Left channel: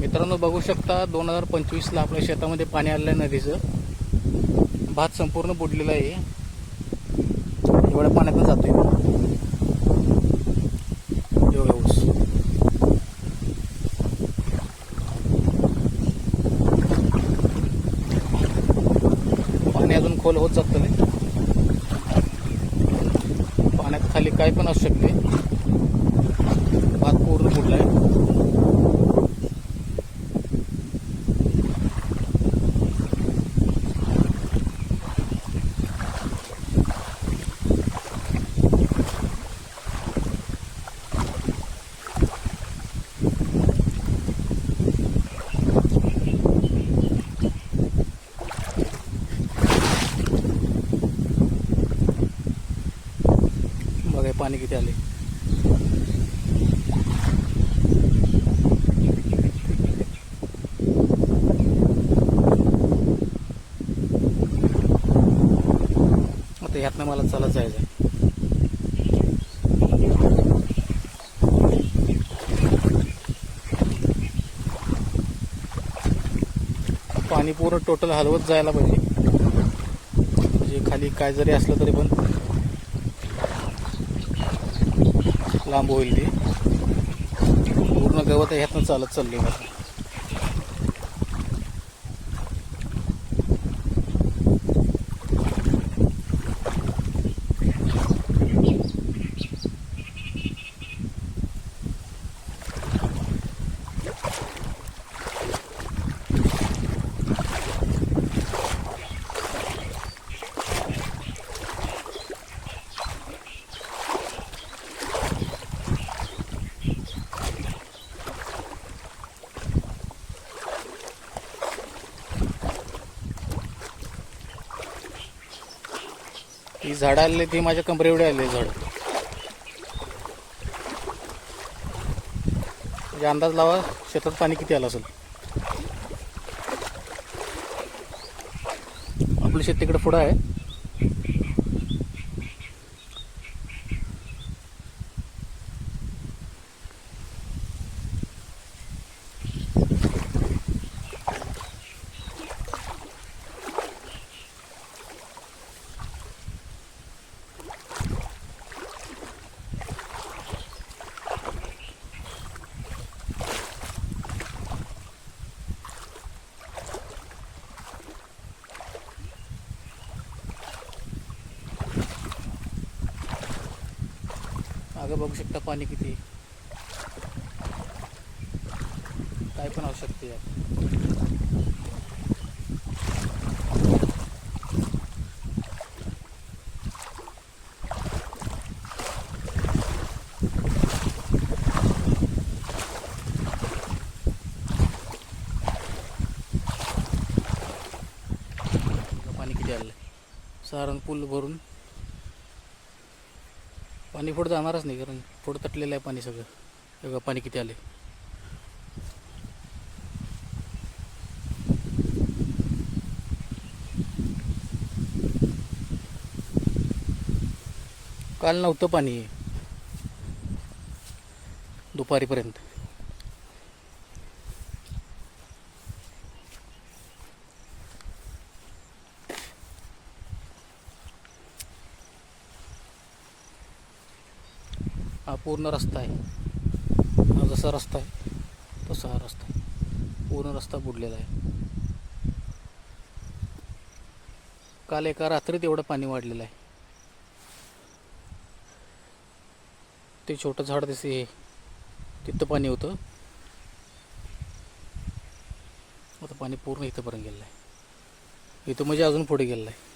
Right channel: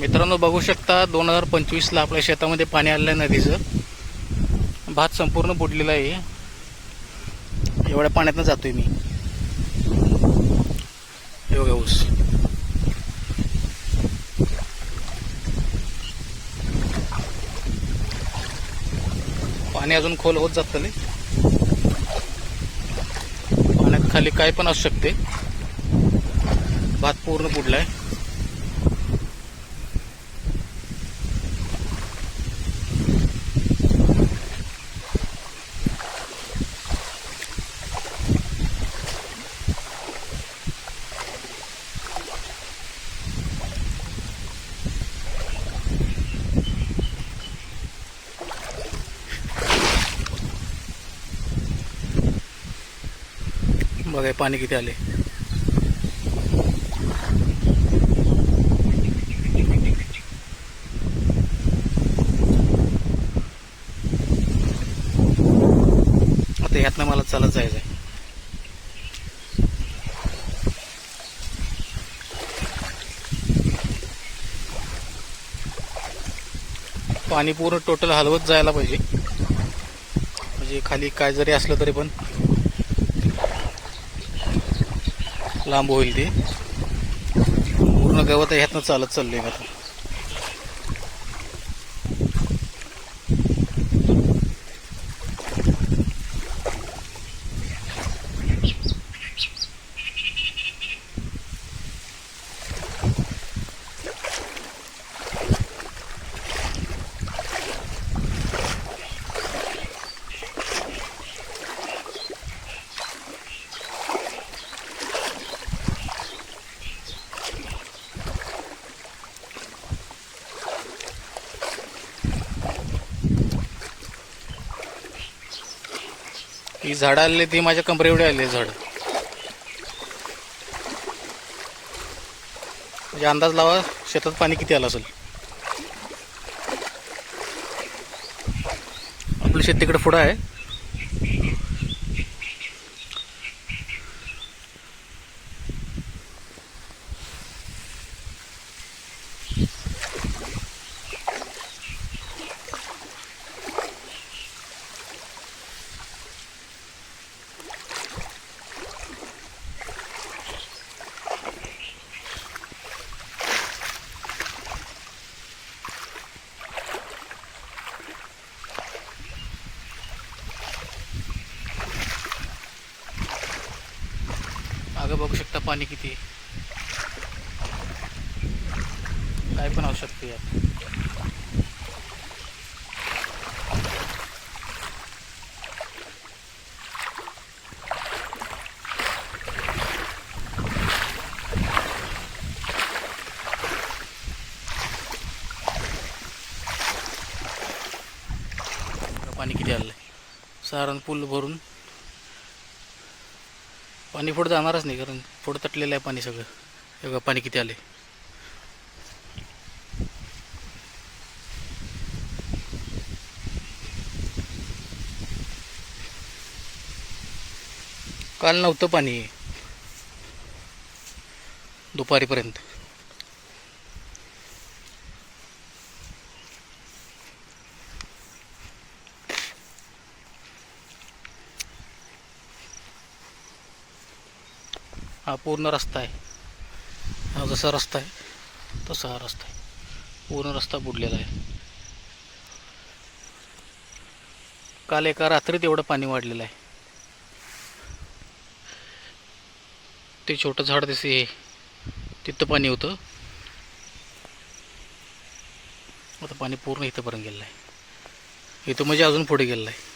मित्रांनो बघू शकता दोन हजार पंचवीसला आपल्या शेतामध्ये पाणी आलेलं आहे नदीचं. भात संपूर्ण बुडलेला आहे. एवढ्या पाण्यातनं जातोय मी. हे ऊस. पाणी अजून खोल होत जात पाण्यात खाली काय पण असू शकते. भात पूर्ण बुडलाय. बघा पाणी किती आले आता ह्यातनं मला चालत जायचं आहे पाणी पूर्ण टोटल हलवत जायला पाहिजे. म्हणजे खाली काय जरी असलं तरी पण. लांब होईल ते. पूर्ण गवत ह्यातनं चालत चाललंय आता. ती झाडं आलेली ती माझ्या कमरे एवढे आले झाड. म्हणजे अंदाज लावा शेतात पाणी किती आलं असेल? आपलं शेत तिकडे पुढं आहे. मागं बघू शकता पाणी किती काय पण असू शकते यात. पाणी किती आलं सारण पूल भरून पाणी पुढं जाणारच नाही कारण पुढं तटलेलं आहे पाणी सगळं. एवढं बघा पाणी किती आले काल नव्हतं पाणी. दुपारीपर्यंत. हा पूर्ण रस्ता आहे. हा जसा रस्ता आहे तसा हा रस्ता आहे. पूर्ण रस्ता बुडलेला आहे. काल एका रात्रीत एवढं पाणी वाढलेलं आहे. ते छोटं झाड दिसे हे तिथं पाणी होतं. आता पाणी पूर्ण इथंपर्यंत गेलेलं आहे. इथं म्हणजे अजून पुढे गेलेलं आहे.